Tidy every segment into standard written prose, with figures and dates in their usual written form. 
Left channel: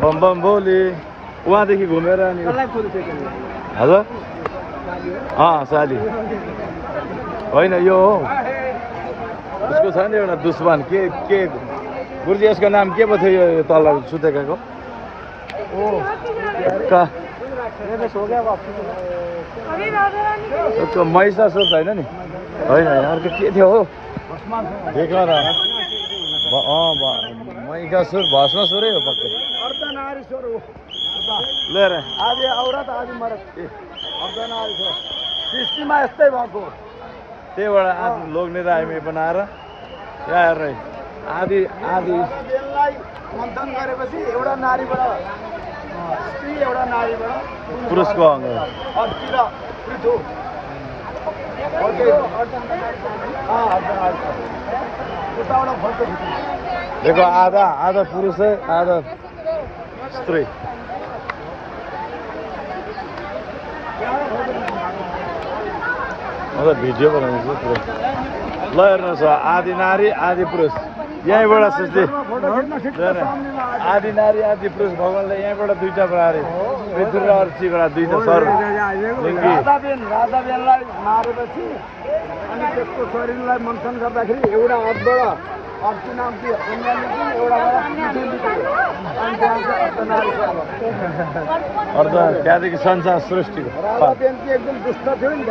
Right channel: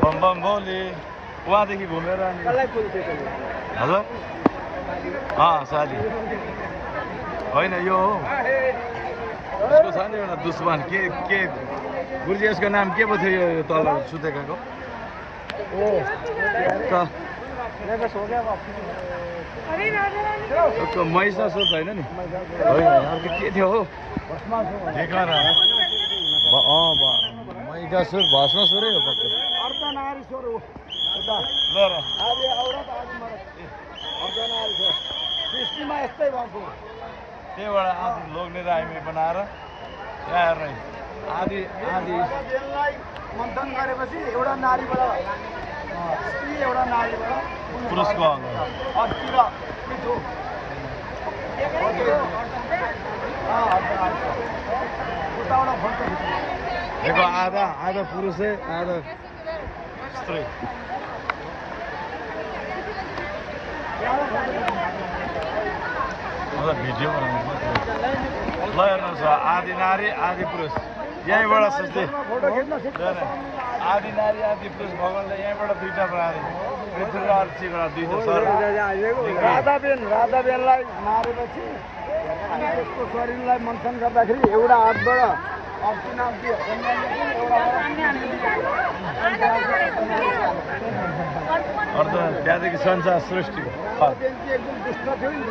bomb bomb Bhole वहाँदेखि घुमेर अनि हजुर साली होइन यो हो उसको छ नि एउटा दुश्मन के गुरुजी यसको नाम के पो थियो यो तल सुतेको महिषासुर त होइन नि होइन अर्को के थियो हो देखा महिषासुर भस्मासुरै हो पक्कै लिएर आदि औरत आदि मरद अर्धनारीश्वर सृष्टिमा यस्तै भएको त्यहीबाट आफ्नो लोग्ने राईमै बनाएर यहाँ हेर्नु आदि बेललाई मन्थन गरेपछि एउटा नारीबाट स्त्री एउटा नारीबाट पुरुषको अङ्ग अर्तिर पृथु देखो आधा पुरुष है आधा स्त्री मतलब भिडियो बनाउँछु ल हेर्नुहोस् आदि नारी आदि पुरुष यहीँबाट सोच्दै आदि नारी आदि पुरुष भगवान्ले यहीँबाट दुईटा बनाएर पृथ्वी र अर्चीबाट दुईटा सर राधाबेनलाई मारेपछि अनि त्यसको शरीरलाई मन्थन गर्दाखेरि एउटा हातबाट अर्ची नाम थियो त्यहाँदेखि संसार सृष्टि राधाबेन चाहिँ एकदम दुष्ट थियो नि त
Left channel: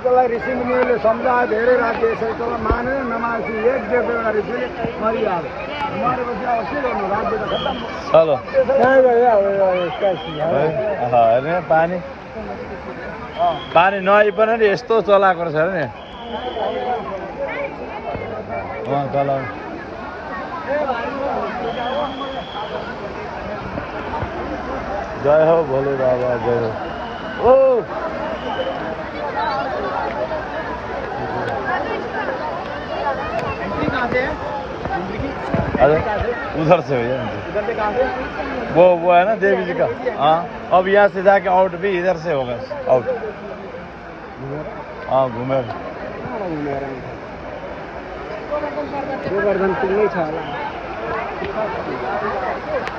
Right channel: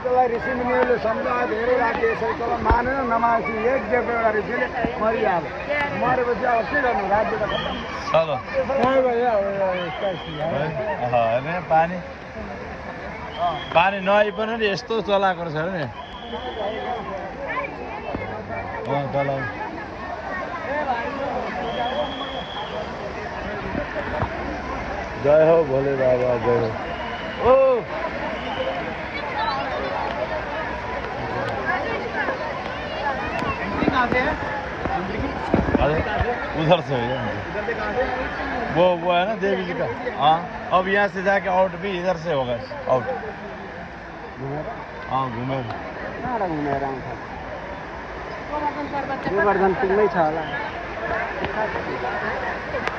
त्यसलाई ऋषिमुनिहरूले सम्झाए धेरै राज्य यसरी तँलाई मानेर नमानेपछि एक देवता ऋषिले मरिहाल्यो मरेपछि अब के गर्नु राज्य त खत्तम चलो हेर्ने पानी नआइ पनि नि यस्तो चलाएको छ नि चला जय हो भोले बाबा जय हो उधर से भैया वो है ना देवी जी का हाँ अब यहाँ से जाके आउट भी इधर से होगा आउट हाँ घूमे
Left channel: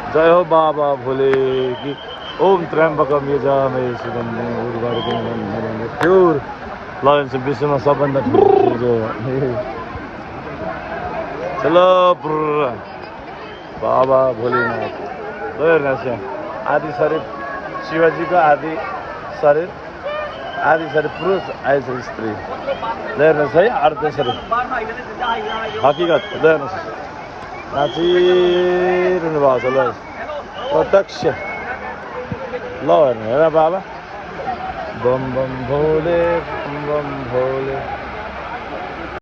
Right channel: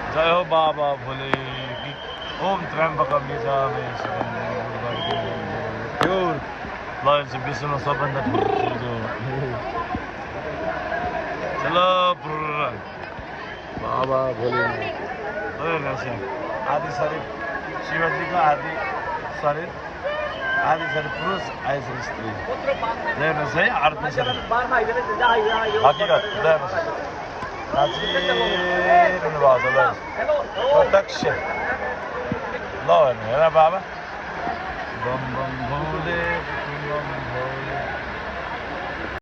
जय हो बाबा भोले की ओम त्र्यम्बकम यजामहे शिवम उर्वारुकम प्योर लयन्स विश्वमा सबभन्दा चलो बाबा भोलेनाथ हेर्नुहोस् आदि शरीर शिवजीको आदि शरीर पुरुष आदि शरीर स्त्री हेर्नुहोस् है अर्ध शरीर हकिकत हेर्नुहोस् नाचिरहनु भएको छ ल प्रत्यक्ष ल हेर्नु हेर बाबा बम बम भोले